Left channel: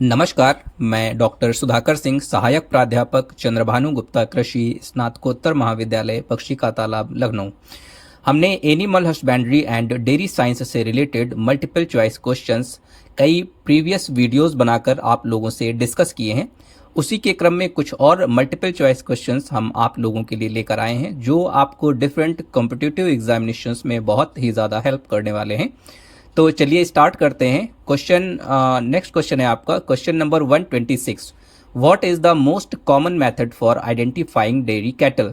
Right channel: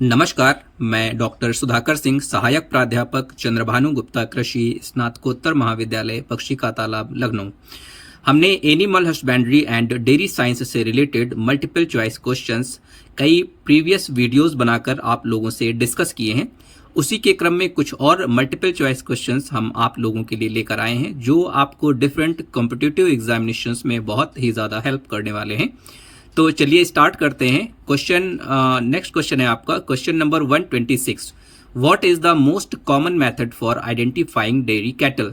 नमस्कार, मैं डॉक्टर सुधाकर सिंह, सहायक प्राध्यापक चंद्रभानु गुप्ता कृषि स्नातकोत्तर महाविद्यालय पक्षी का तालाब लखनऊ। हमने animal husbandry and dairy science से रिलेटेड मल्टीपल चॉइस क्वेश्चंस कई प्रीवियस वीडियोस बनाकर आप लोगों से डिस्कस किए हैं। उसी के क्रम में कुछ और मल्टीपल चॉइस क्वेश्चंस हम आप लोगों के लिए लेकर आए हैं जो आपको डिफरेंट कॉम्पिटिटिव एग्जामिनेशंस में बहुत ही ज़्यादा हेल्प करने वाले हैं। तो चलिए स्टार्ट करते हैं। नेक्स्ट क्वेश्चन है आपका question number 126। What is the most common method for identifying dairy cattle.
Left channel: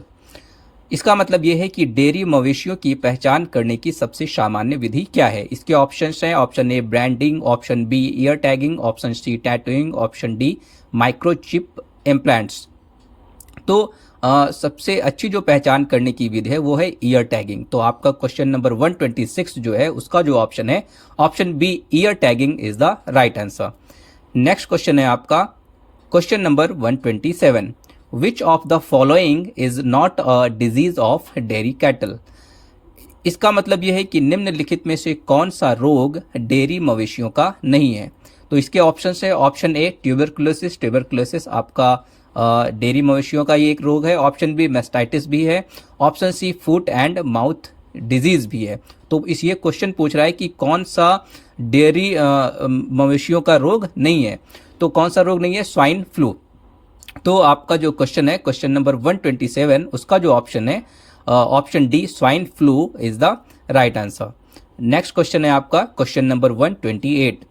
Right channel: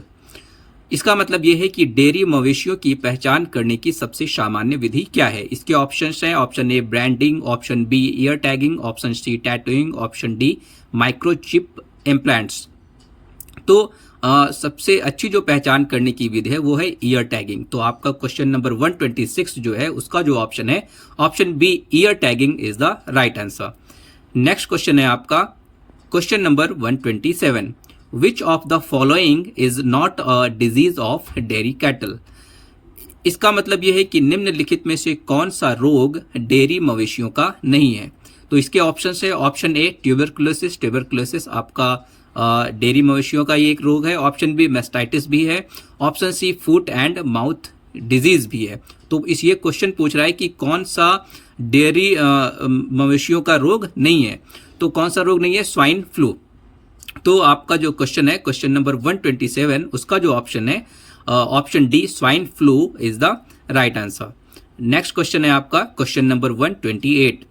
इसका मतलब यह है कि डेयरी मवेशियों की पहचान करने की सबसे सामान्य विधि क्या है। इसके ऑप्शंस हैं option A branding, option B ear tagging, option C tattooing, option D microchip implants. तो सबसे अच्छी जो पहचान करने की विधि है वो है ईयर टैगिंग। तो आपका क्वेश्चन नंबर 126 जो है उसका जो ऑप्शन है option B ear tagging is the right answer. Next question है आपका question number 127। Which of the following is not a disease of dairy cattle. इसका मतलब यह है कि निम्नलिखित में से कौन सा रोग डेयरी मवेशियों का नहीं है। तो इसके ऑप्शन है ऑप्शन ए ट्यूबरकुलोसिस, ट्यूबरकुलोसिस आपका डेयरी मवेशियों का ये एक रोग है। ऑप्शन बी मेस्टाइटिस भी है। Option C foot and mouth disease भी है। तो इस ये क्वेश्चन पूछ रहा है कि कौन सा डेयरी मवेशियों का रोग नहीं है। तो कौन सा रोग नहीं है? Swine flu. तो आपका जो क्वेश्चन है क्वेश्चन नंबर 127 उसका जो ऑप्शन है option D swine flu is the right answer. Next question है आपका question number 128।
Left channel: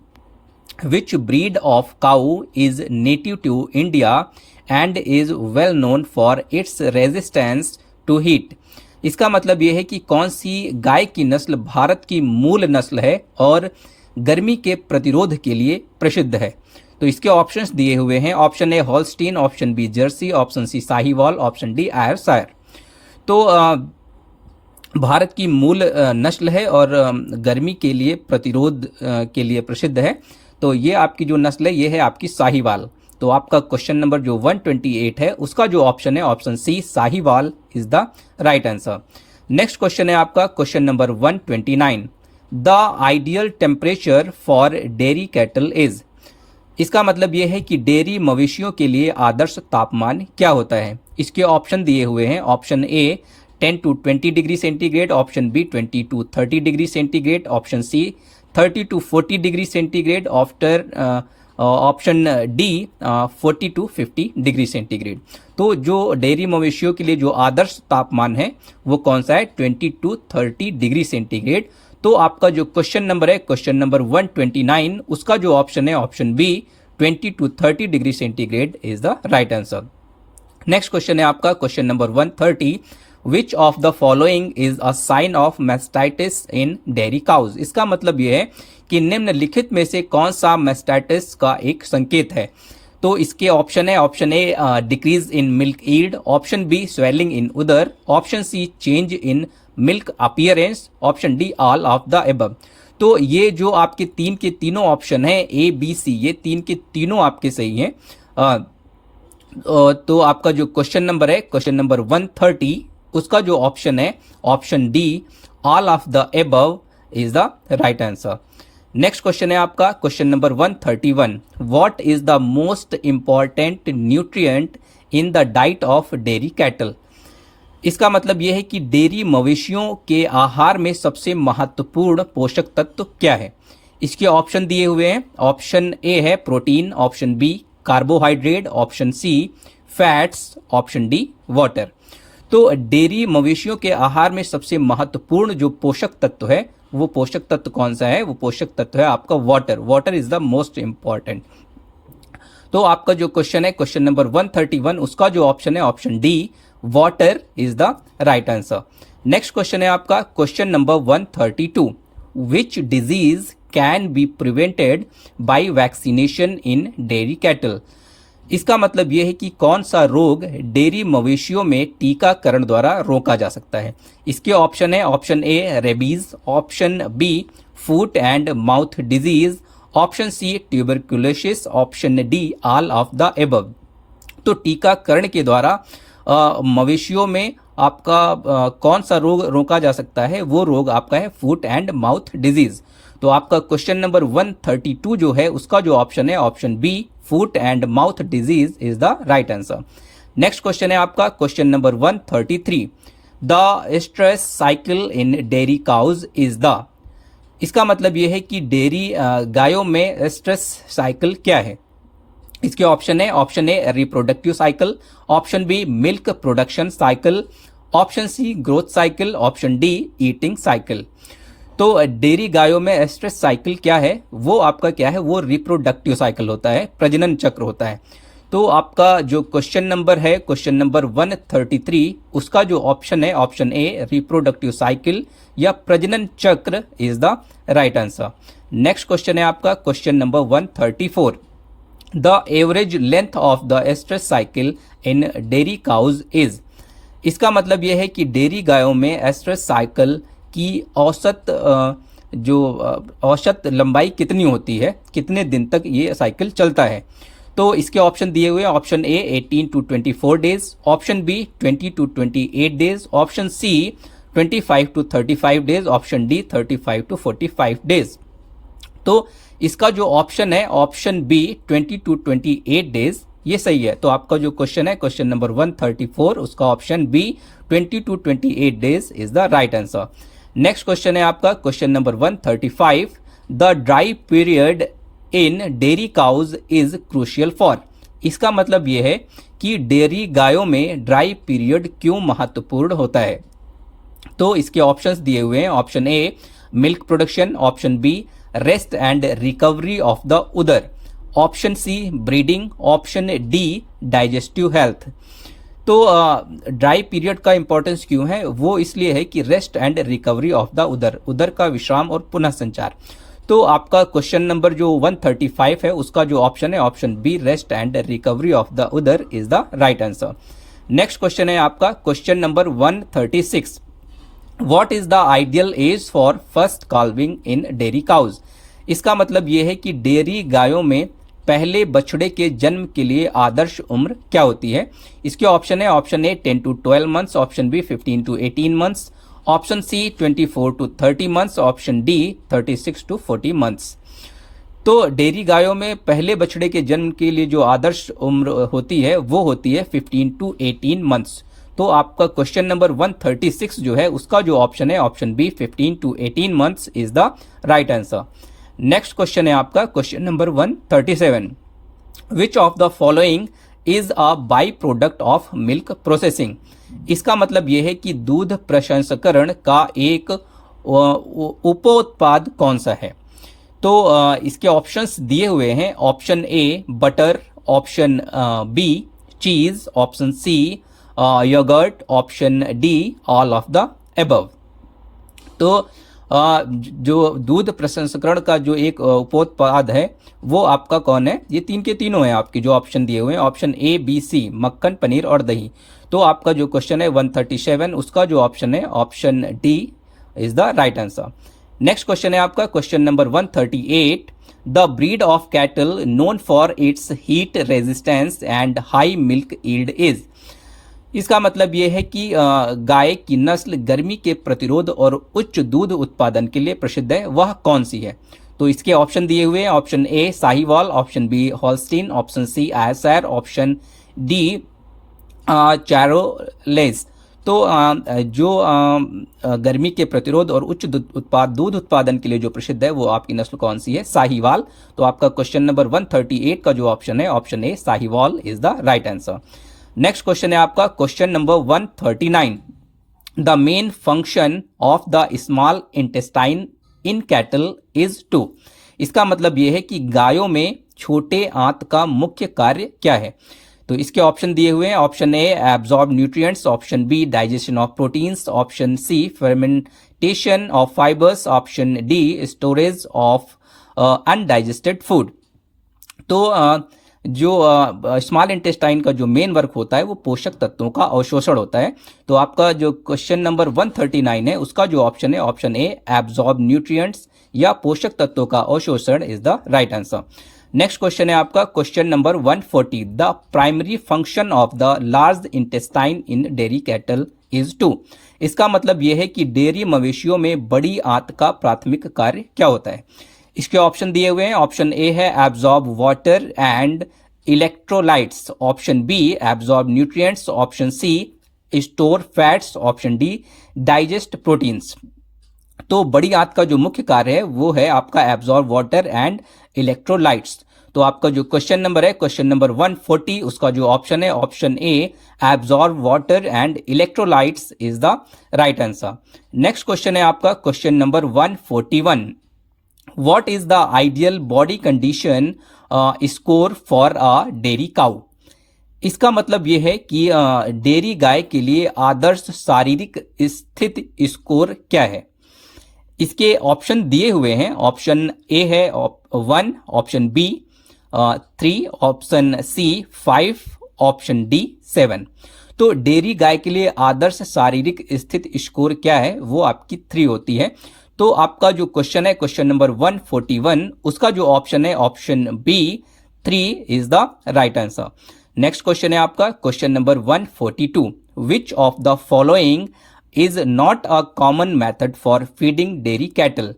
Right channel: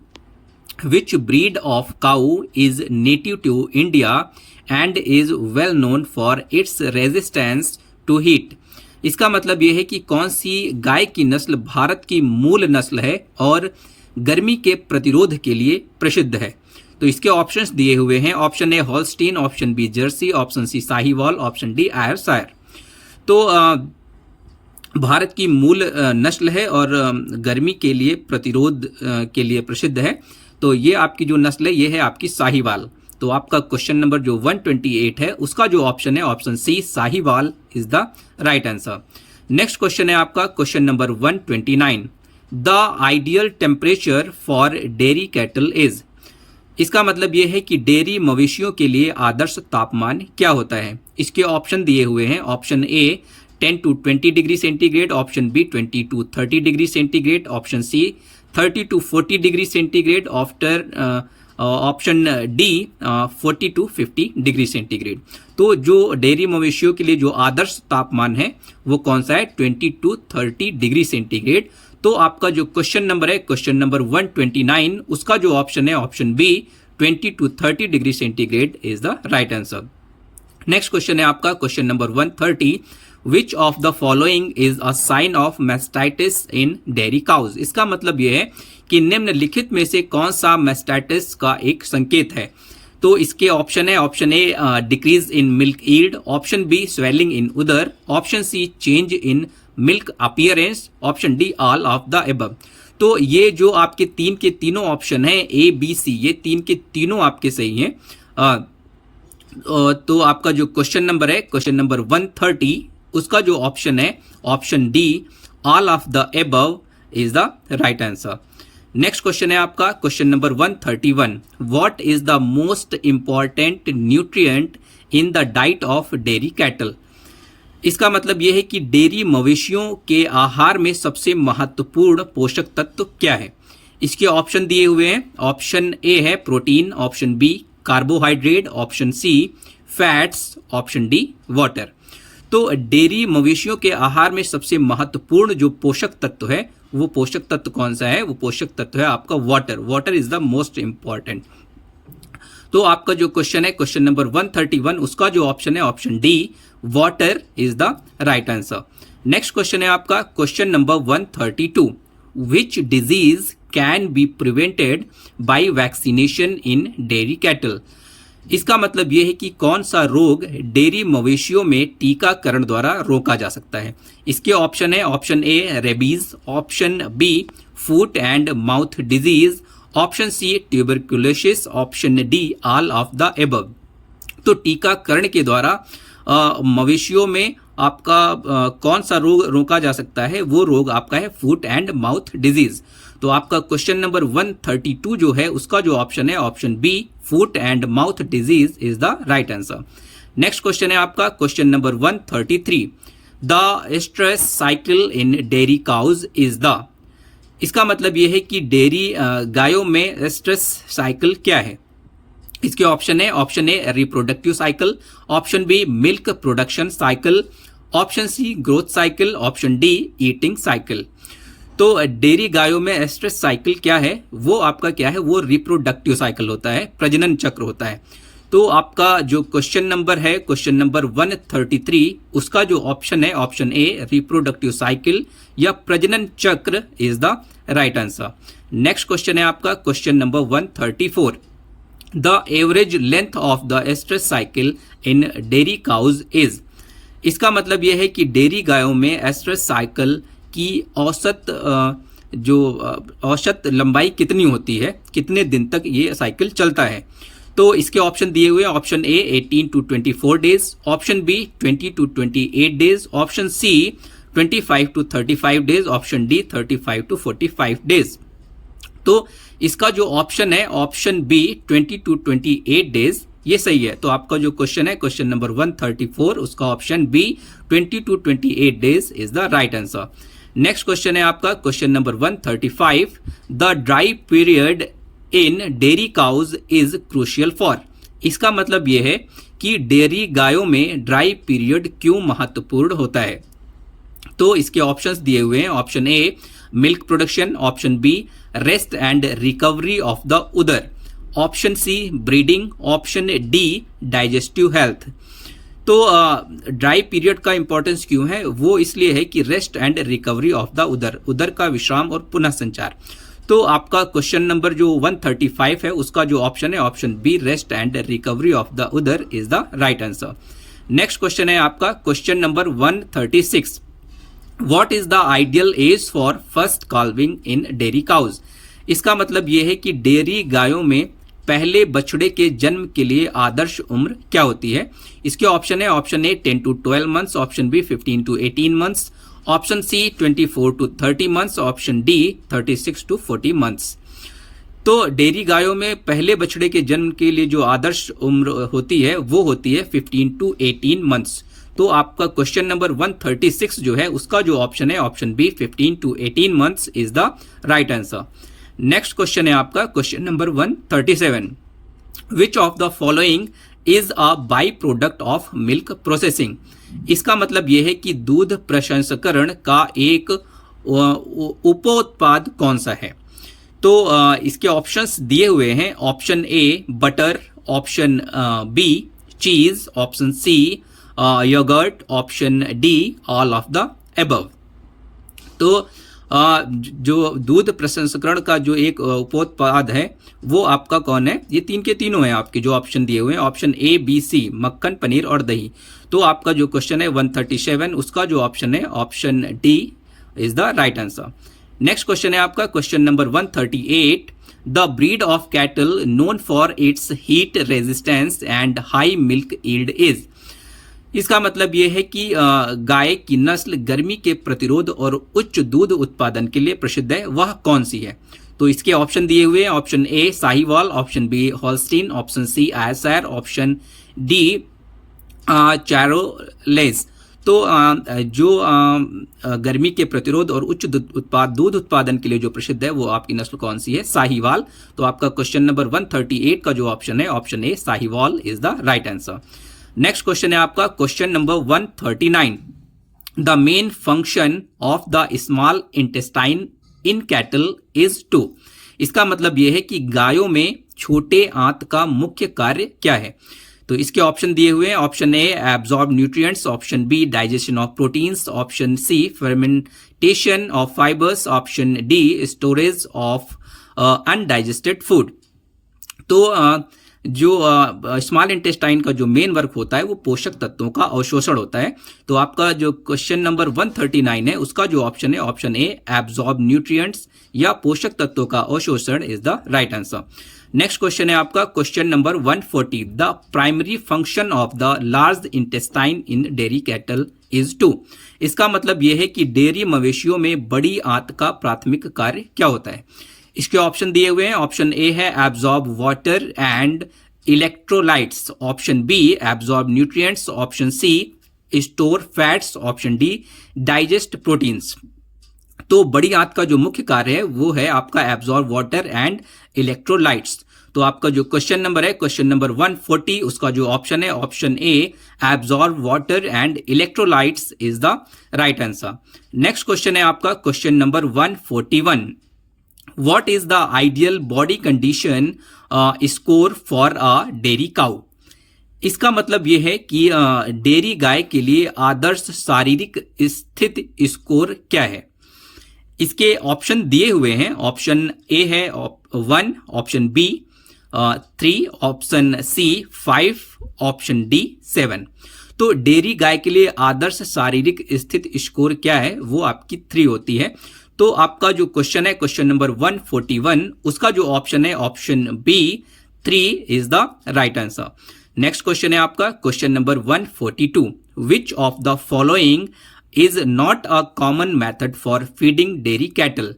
Which breed of cow is native to India and is well known for its resistance to heat. इसका मतलब यह है कि कौन सी गाय की नस्ल भारत की मूल नस्ल है और गर्मी के प्रतिरोध के लिए प्रसिद्ध है। तो इसके ऑप्शंस दिए हुए हैं option A Holstein, option B Jersey, option C Sahiwal, option D Ayrshire. तो भारत की मूल नस्ल है और गर्मी के लिए प्रतिरोध के लिए प्रसिद्ध है। तो ये आपकी जो नस्ल है ये है आपकी साहीवाल। तो आपका क्वेश्चन नंबर जो 128 है उसका जो ऑप्शन है option C Sahiwal is the right answer. Next question है आपका question number 129। The ideal temperature for dairy cattle is. इसका मतलब यह है कि डेयरी मवेशियों के लिए आदर्श तापमान क्या होता है। इसके ऑप्शन दिए हुए हैं option A 10 to 20 degree centigrade, option B 20 to 30 degree centigrade, option C 30 to 40 degree centigrade, option D 40 to 50 degree centigrade. तो जो डेयरी मवेशियों के लिए जो आदर्श तापमान है वो कौन सा है? 20 to 30 डिग्री सेंटीग्रेड। तो आपका जो क्वेश्चन नंबर है क्वेश्चन नंबर 129 उसका जो ऑप्शन है option B 20 to 30 degree centigrade is the right answer. Next question है आपका question number 130। Which of the following is a sign of mastitis in dairy cows. इसका मतलब यह है कि निम्नलिखित में से कौन सा मेस्टाइटिस का एक संकेत है। तो इसके ऑप्शन है option A decrease in milk yield, option B swelling in udder, option C change in milk appearance, option D all of the above. तो ये जो आपके तीन के तीनों ऑप्शन हैं ए बी सी, ये तीन के तीनों आपके सही हैं। तो आपका जो क्वेश्चन नंबर है क्वेश्चन नंबर 130 उसका जो ऑप्शन है option D all of the above is the right answer. Next question है आपका question number 131। What is the most important nutrient in the diet of dairy cattle. इसका मतलब यह है कि डेयरी मवेशियों के आहार में सबसे महत्वपूर्ण पोषक तत्व क्या है। इसके ऑप्शन दिए हुए हैं ऑप्शन ए है protein, option B carbohydrate, option C fats, option D water. तो डेयरी मवेशियों के आहार में सबसे महत्वपूर्ण जो पोषक तत्व है वो पोषक तत्व कौन सा है? वो पोषक तत्व है आपका water. Water is the most important. तो आपका जो क्वेश्चन है क्वेश्चन नंबर 131 उसका जो ऑप्शन है option D water is the right answer. Next question है आपका question number 132। Which disease can be prevented by vaccination in dairy cattle. इसका मतलब यह है कि कौन सा रोग डेयरी मवेशियों में टीकाकरण द्वारा रोका जा सकता है। इसके ऑप्शन है option A rabies, option B foot and mouth disease, option C tuberculosis, option D all of the above. तो टीकाकरण के द्वारा मवेशियों में आपका कौन सा रोग रोका जा सकता है? वो रोग आपका है फुट एंड माउथ डिजीज। तो आपका क्वेश्चन नंबर 132 जो है उसका जो ऑप्शन है option B foot and mouth disease is the right answer. Next question है आपका question number 133, the stress cycle in dairy cows is the. इसका मतलब यह है कि डेयरी गायों में स्ट्रेस साइकिल क्या है। इसके ऑप्शन है option A reproductive cycle, option B milk production cycle, option C growth cycle, option D eating cycle. तो डेयरी गायों में स्ट्रेस साइकिल क्या है, वो आपका क्या है, वो रिप्रोडक्टिव साइकिल होता है, प्रजनन चक्र होता है। तो आपका जो क्वेश्चन नंबर है क्वेश्चन नंबर 133 उसका जो ऑप्शन है ऑप्शन ए रिप्रोडक्टिव साइकिल या प्रजनन चक्र is the right answer. Next question है आपका question number 134, the average length of the stress cycle in dairy cows is. इसका मतलब यह है कि डेयरी गायों में स्ट्रेस साइकिल की औसत लंबाई कितनी होती है, कितने दिन तक ये साइकिल चलता है। तो इसके ऑप्शन दिए हुए option A 18 to 24 days, option B 20 to 28 days, option C 25 to 35 days, option D 35 to 45 days. तो इसका जो ऑप्शन है ऑप्शन बी 20 to 28 डेज ये सही है। तो आपका जो क्वेश्चन है क्वेश्चन नंबर 134 उसका option B 20 to 28 days is the right answer. Next question है आपका question number 135, the dry period in dairy cows is crucial for. इसका मतलब यह है कि डेयरी गायों में ड्राई पीरियड क्यों महत्वपूर्ण होता है। तो इसके ऑप्शंस दिए हुए हैं option A milk production, option B rest and recovery of the udder, option C breeding, option D digestive health. तो ड्राई पीरियड का इंपॉर्टेंस क्यों है, वो इसलिए है कि rest and recovery of the udder का विश्राम और पुनः संचार। तो आपका क्वेश्चन नंबर जो 135 है उसका जो ऑप्शन है option B rest and recovery of the udder is the right answer. Next question है आपका question number 136, what is the ideal age for first calving in dairy cows. इसका मतलब यह है कि डेयरी गायों में पहले बछड़े के जन्म के लिए आदर्श उम्र क्या होती है। इसके ऑप्शन है option A 10 to 12 months, option B 15 to 18 months, option C 24 to 30 months, option D 36 to 40 months. तो डेयरी गायों में पहले बछड़े के जन्म के लिए जो आदर्श उम्र होती है वो होती है 15 to 18 मंथ्स। तो आपका क्वेश्चन नंबर 136 जो है उसका जो ऑप्शन है option B 15 to 18 months is the right answer. Next question है आपका question number 137, which of the following is a by product of milk processing. इसका मतलब यह है कि दूध प्रसंस्करण का एक उपोत्पाद कौन सा है। तो इसके ऑप्शंस दिए हुए हैं option A butter, option B cheese, option C yogurt, option D all of the above. तो जो दूध प्रसंस्करण का जो एक उपोत्पाद है वो आपका कौन है, ये तीन के तीनों हैं आपके जो ऑप्शन दिए हुए हैं ऑप्शन ए बी सी, मक्खन, पनीर और दही। तो आपका जो क्वेश्चन है 137 उसका जो ऑप्शन है option D is the right answer. Next question है आपका question number 138, the breed of cattle known for it's heat resistance and high milk yield is. इसका मतलब यह है कि गाय की नस्ल गर्मी के प्रतिरोध और उच्च दूध उत्पादन के लिए प्रसिद्ध है, वह कौन सी है। तो इसके ऑप्शन दिए हुए हैं option A Sahiwal, option B Holstein, option C Ayrshire, option D Charolais. तो जो गर्मी के प्रतिरोध और उच्च दूध उत्पादन के लिए जो प्रसिद्ध है वो आपकी नस्ल कौन सी है, साहीवाल। तो आपका क्वेश्चन नंबर 138 का जो ऑप्शन है option A Sahiwal is the right answer. Next question है आपका question number 139, the main function of the small intestine in cattle is to. इसका मतलब यह है कि गायों में छोटे आंत का मुख्य कार्य क्या है। तो इसके ऑप्शन दिए हुए हैं option A absorb nutrients, option B digestion of proteins, option C fermentation of fibres, option D storage of undigested food. तो जो स्मॉल इंटेस्टाइन का जो मेन वर्क होता है वो पोषक तत्वों का अवशोषण होता है। तो आपका जो क्वेश्चन नंबर 139 है उसका जो ऑप्शन है ऑप्शन ए एब्जॉर्ब न्यूट्रिएंट्स या पोषक तत्वों का अवशोषण is the right answer. Next question है आपका question number 140, the primary function of the large intestine in dairy cattle is to. इसका मतलब यह है कि डेयरी मवेशियों में बड़ी आंत का प्राथमिक कार्य क्या होता है। इसके ऑप्शन दिए हुए हैं। ऑप्शन ए है absorb water and electrolytes, option B absorb nutrients, option C store fats, option D digest proteins. तो बड़ी आंत का जो मुख्य कार्य है वो है आपका एब्जॉर्ब वाटर एंड इलेक्ट्रोलाइट्स। तो आपका जो क्वेश्चन नंबर है क्वेश्चन नंबर 140, उसका जो ऑप्शन है option A absorb water and electrolytes is the right answer. Next question है आपका question number 141, what is the ideal body condition score for a dairy cow. इसका मतलब यह है कि डेयरी गाय के लिए आदर्श शारीरिक स्थिति स्कोर क्या है। इसके ऑप्शन दिए हुए हैं। ऑप्शन ए है 1, option B 3, option C 5, option D 7। तो डेयरी गाय के लिए आदर्श शारीरिक स्थिति स्कोर क्या है, वो आपकी 3 होती है। तो आपका जो क्वेश्चन है क्वेश्चन नंबर 141, उसका जो ऑप्शन है option B 3 is the right answer. Next question है आपका question number 142, which of the following is not a common method for feeding dairy cattle.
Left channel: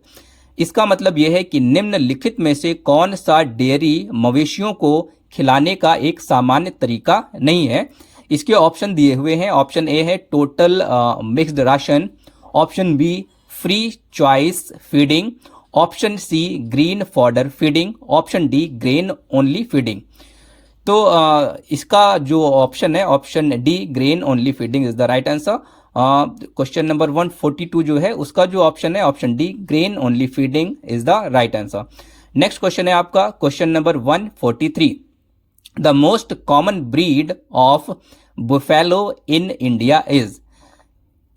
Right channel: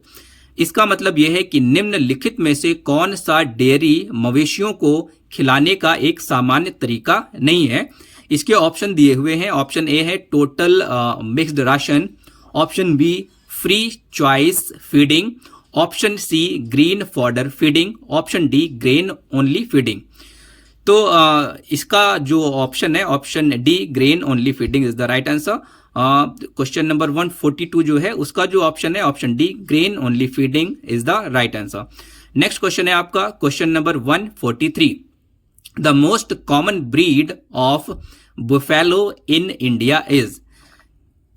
इसका मतलब यह है कि निम्नलिखित में से कौन सा डेयरी मवेशियों को खिलाने का एक सामान्य तरीका नहीं है। इसके ऑप्शन दिए हुए हैं। ऑप्शन ए है total mixed ration, option B free choice feeding, option C green fodder feeding, option D grain only feeding. तो इसका जो ऑप्शन है option D grain only feeding is the right answer. Question number 142 जो है उसका जो option है option D grain only feeding is the right answer. Next question है आपका question number 143, the most common breed of buffalo in India is.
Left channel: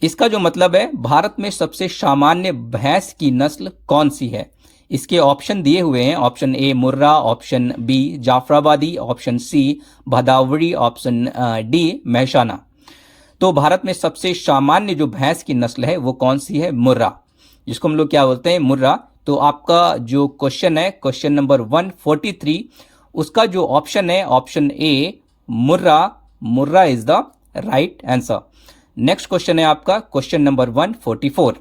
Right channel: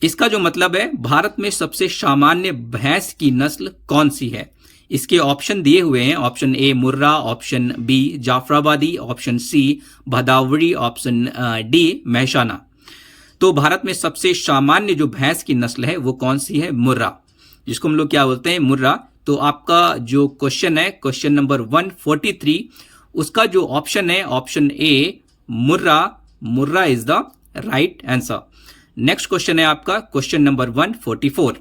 इसका जो मतलब है भारत में सबसे सामान्य भैंस की नस्ल कौन सी है। इसके ऑप्शन दिए हुए हैं। Option A Murrah, option B Jafarabadi, option C Bhadawari, option D Mehsana. तो भारत में सबसे सामान्य जो भैंस की नस्ल है वो कौन सी है, मुर्रा, जिसको हम लोग क्या बोलते हैं, मुर्रा। तो आपका जो क्वेश्चन है क्वेश्चन नंबर 143, उसका जो ऑप्शन है option A Murrah, Murrah is the right answer. Next question है आपका question number 144,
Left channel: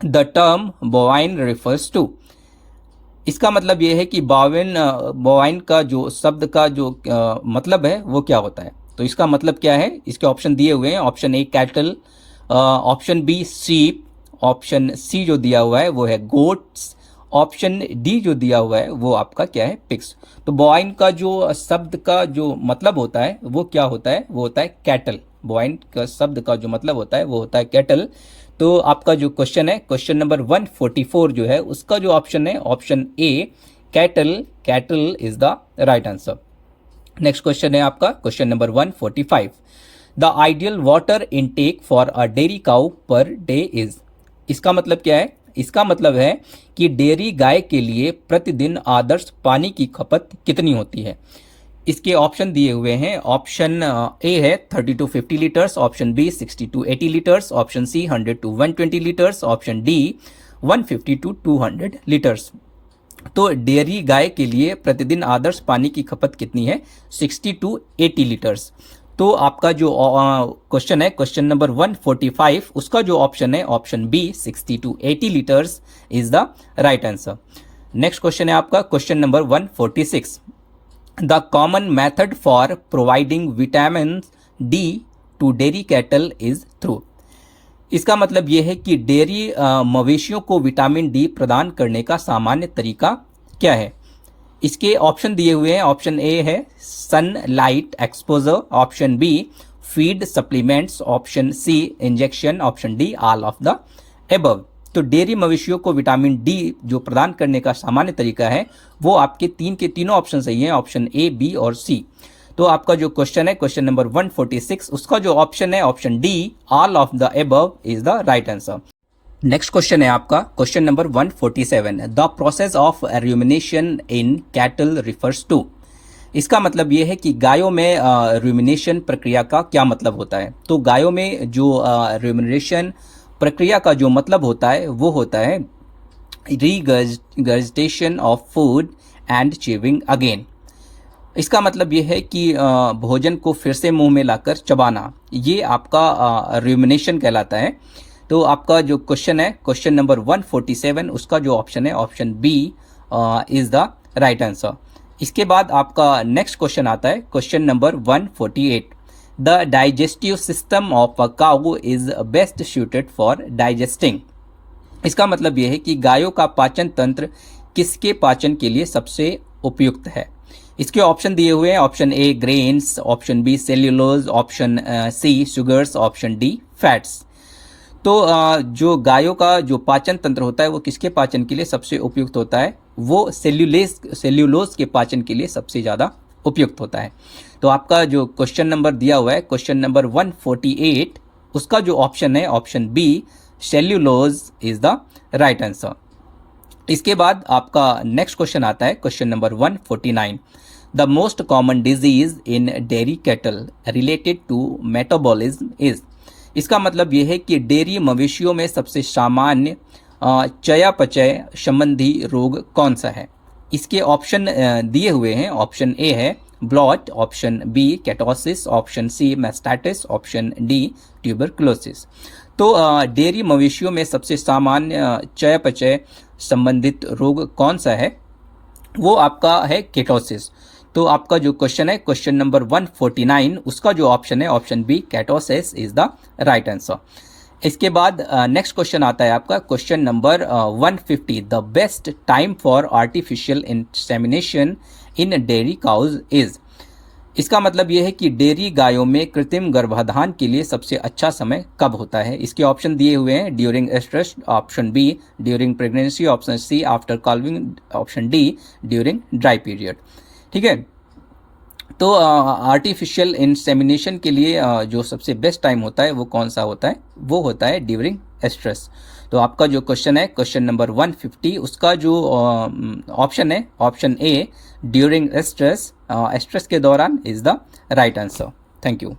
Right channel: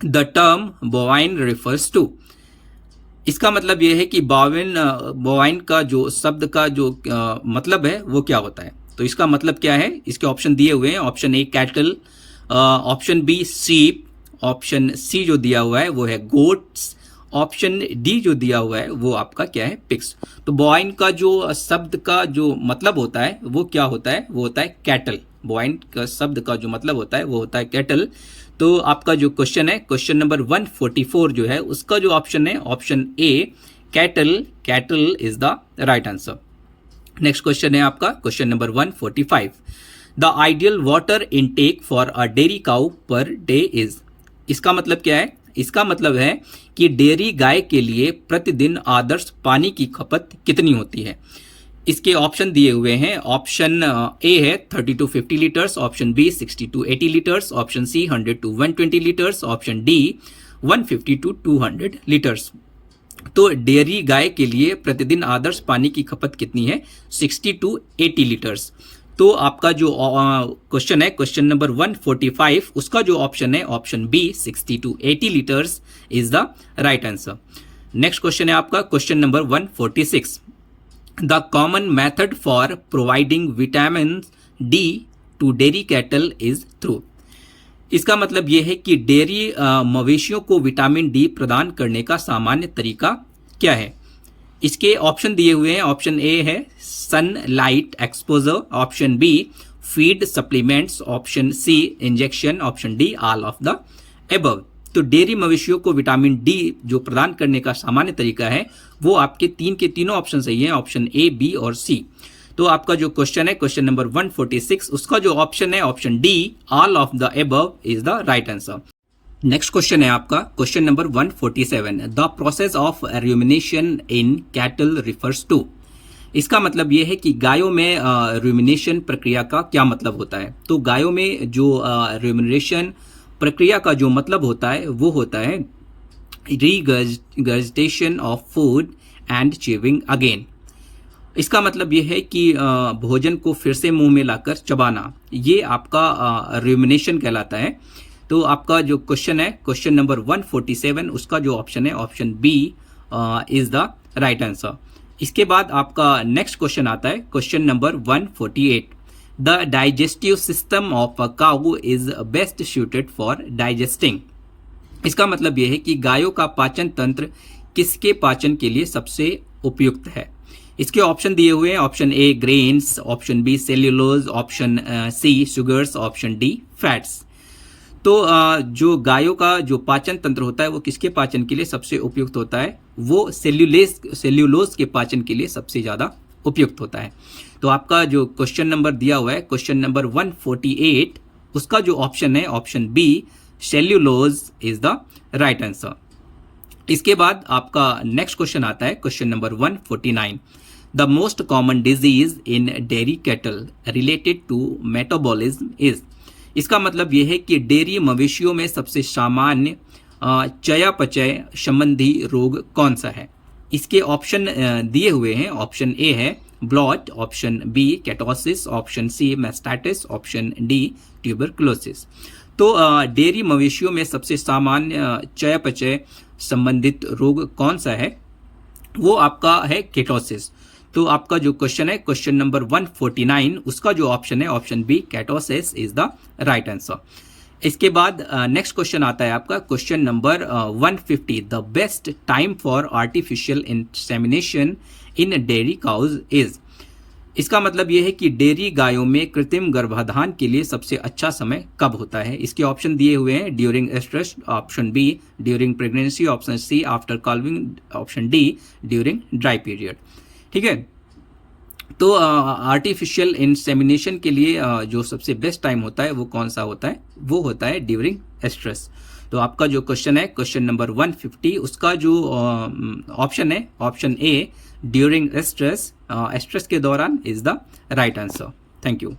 the term bovine refers to. इसका मतलब यह है कि बोवाइन का जो शब्द का जो मतलब है वो क्या होता है। तो इसका मतलब क्या है, इसके ऑप्शन दिए हुए हैं। Option A cattle, option B sheep, option C जो दिया हुआ है वो है गोट्स, ऑप्शन डी जो दिया हुआ है वो आपका क्या है, पिग्स। तो बोवाइन का जो शब्द का जो मतलब होता है वो क्या होता है, वो होता है कैटल। बोवाइन का शब्द का जो मतलब होता है वो होता है कैटल। तो आपका जो क्वेश्चन है क्वेश्चन नंबर 144 जो है उसका जो ऑप्शन है option A cattle, cattle is the right answer. Next question है आपका question number 145, the ideal water intake for a dairy cow per day is. इसका मतलब क्या है, इसका मतलब है कि डेयरी गाय के लिए प्रतिदिन आदर्श पानी की खपत कितनी होती है। इसके ऑप्शन दिए हुए हैं। ऑप्शन ए है 30 to 50 litres, option B 60 to 80 litres, option C 100 to 120 litres, option D 150 to 200 litres. तो डेयरी गाय के लिए प्रतिदिन आदर्श पानी की खपत कितनी है, 60 to 80 लीटर्स। तो आपका जो क्वेश्चन है क्वेश्चन नंबर 145, उसका जो ऑप्शन है option B 60 to 80 litres is the right answer. Next question है आपका question number 146, the common method for providing vitamin D to dairy cattle is through. इसका मतलब यह है कि डेयरी मवेशियों को विटामिन डी प्रदान करने का सामान्य तरीका क्या है। इसके ऑप्शन दिए हुए हैं। ऑप्शन ए है sunlight exposure, option B feed supplements, option C injection, option D all of the above. तो डेयरी मवेशियों को विटामिन डी जो प्रदान करने का सामान्य तरीका है वो आपके के तीनों ऑप्शन सही हैं, ऑप्शन ए, बी और सी। तो आपका जो क्वेश्चन है क्वेश्चन नंबर 146, उसका जो ऑप्शन है option D all of the above is the right answer. Next question है आपका question number 147, the process of rumination in cattle refers to. इसका मतलब यह है कि गायों में रूमिनेशन प्रक्रिया का क्या मतलब होता है। तो गायों में जो रूमिनेशन प्रक्रिया का जो मतलब होता है वो होता है regurgitation of food and chewing again. इसका मतलब ये है कि भोजन को फिर से मुंह में लाकर चबाना, ये आपका रुमिनेशन कहलाता है। तो आपका जो क्वेश्चन है, क्वेश्चन नंबर 147, उसका जो ऑप्शन है option B is the right answer. इसके बाद आपका नेक्स्ट क्वेश्चन आता है, question number 148। The digestive system of a cow is best suited for digesting. इसका मतलब यह है कि गायों का पाचन तंत्र किसके पाचन के लिए सबसे उपयुक्त है। इसके ऑप्शन दिए हुए हैं, option A grains, option B cellulose, option C sugars, option D fats. तो जो गायों का जो पाचन तंत्र होता है वो किसके पाचन के लिए सबसे उपयुक्त होता है, वो सेल्यूलोज के पाचन के लिए सबसे ज़्यादा उपयुक्त होता है। तो आपका जो क्वेश्चन नंबर दिया हुआ है, क्वेश्चन नंबर 148, उसका जो ऑप्शन है option B cellulose is the right answer. इसके बाद आपका नेक्स्ट क्वेश्चन आता है, question number 149। The most common disease in dairy cattle related to metabolism is. इसका मतलब यह है कि डेयरी मवेशियों में सबसे सामान्य चयापचय संबंधी रोग कौन सा है। इसके ऑप्शन दिए हुए हैं, ऑप्शन ए है bloat, option B ketosis, option C mastitis, option D tuberculosis. तो डेयरी मवेशियों में सबसे सामान्य चयापचय संबंधित रोग कौन सा है, वो आपका है केटोसिस। तो आपका जो क्वेश्चन है, क्वेश्चन नंबर 149, उसका जो ऑप्शन है option B ketosis is the right answer. इसके बाद नेक्स्ट क्वेश्चन आता है आपका, question number 150। The best time for artificial insemination in dairy cows is. इसका मतलब यह है कि डेयरी गायों में कृत्रिम गर्भाधान के लिए सबसे अच्छा समय कब होता है। इसके ऑप्शन दिए हुए हैं, during estrus, option B during pregnancy, option C after calving, option D during dry period. ठीक है, तो आर्टिफिशियल इंसेमिनेशन के लिए जो सबसे बेस्ट टाइम होता है वो कौन सा होता है, वो होता है ड्यूरिंग एस्ट्रस। तो आपका जो क्वेश्चन है, क्वेश्चन नंबर 150, उसका जो ऑप्शन है option A during oestrus, oestrus के दौरान is the right answer. Thank you.